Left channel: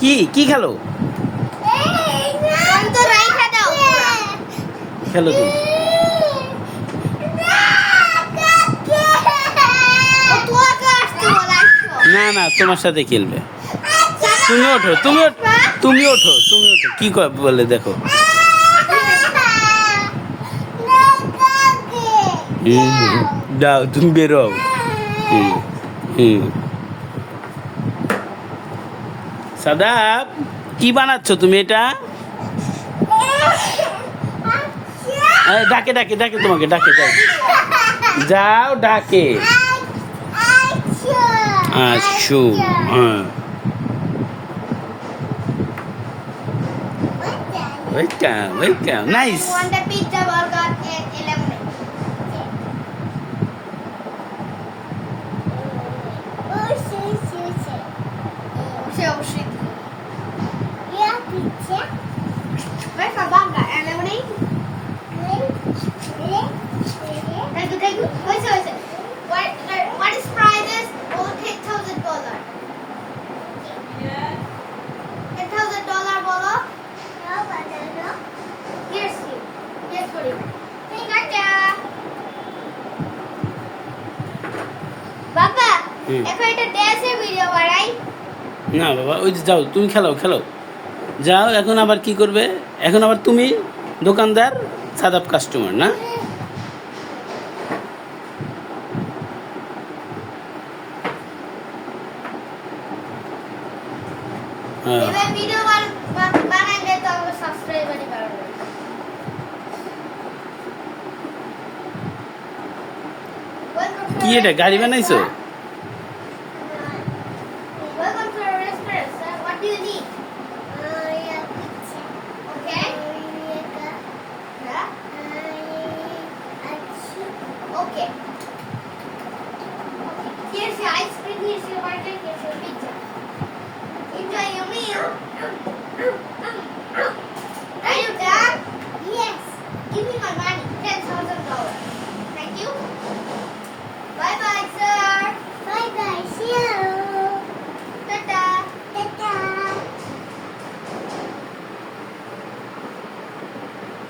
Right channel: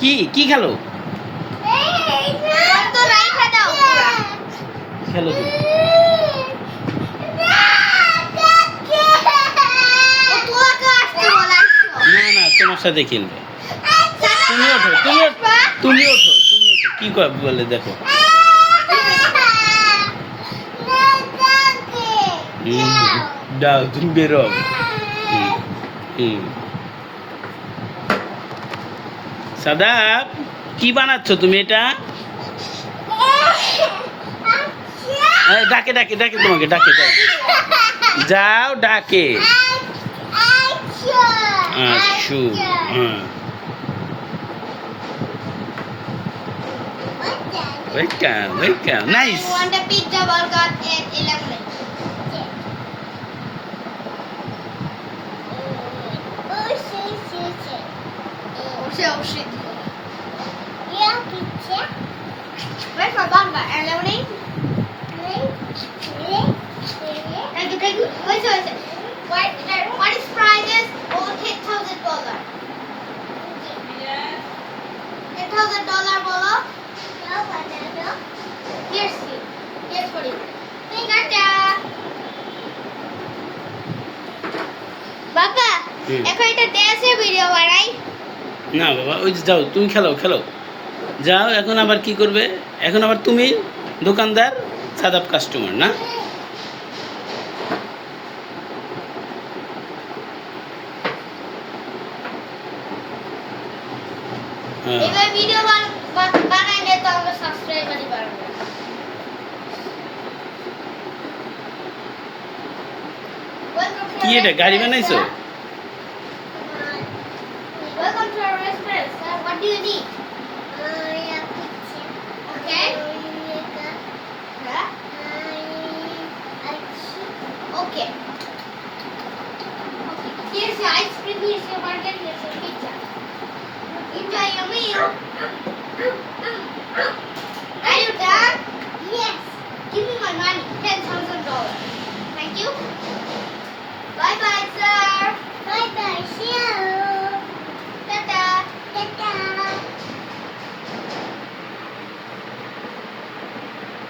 কি কি খেলো তো রাইখা দাও খেলো তুমি ও তোকে আসতে বলা না না তোমার সাথে খেলবে তুমি ওঠো তুমি ওঠো কি বলে দেখো দাও তুমি বেরো হুম হুম সাদাব কি বানাচ্ছ তুমি এটা ডাকে ডাকে ডাকে তোমাকে ডাকে ডাকে যাও ডাকে আচ্ছা হ্যাঁ welcome nice want a pizza burger and a lemonade অবশ্যই where's my burger and lemonade thank you wait what is prices over $10,000 $10,000 বলো here's for you টাটা বাবা এখন এটা ড্যান্সের ভিডিও বানাই না বাবা ওই যে যাও তুমি খেলো যাও এখন আবার কি করবে এখন আবার তুমি দোকানদার সাদাব কাস্টমার না হ্যাঁ এবার ভিডিও বানাইলে তো আমরা সাবস্ক্রাইবারই বাড়বে কি এটা গাড়ি বানাইছো Welcome to our restaurant, sir. What do you need? Okay. Yeah. Okay. Here's your ice cream. Here's your burger. Here's your pizza. Enjoy your meal. Are you done? Yes. Give me my money. $10,000. Thank you. Bye bye, sir. Bye bye, see you. Ta-ta. Ta-ta.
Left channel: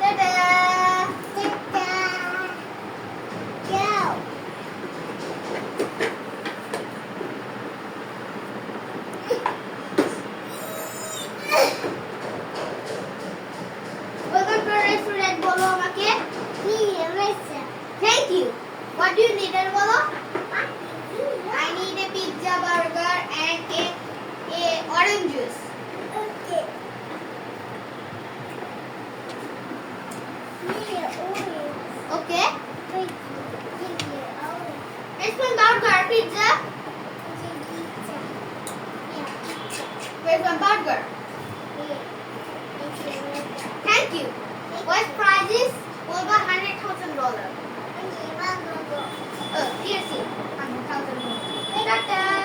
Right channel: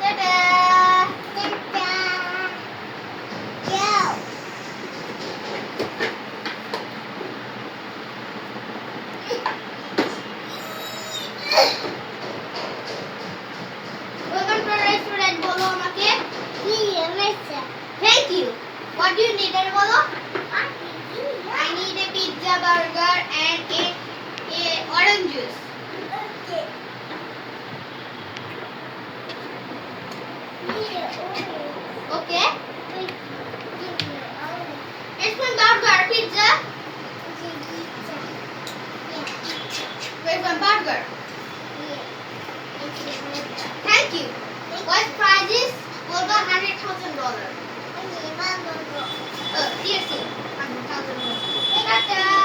Ta-ta. Ta-ta. Go. Welcome to our restaurant, bolo amake. Thank you. What do you need, bolo? I need a pizza, burger, and a orange juice. Okay. Okay. It's my burger, pizza. Where's my burger? Thank you. What's prices? Over $100,000. Here's it. $100,000.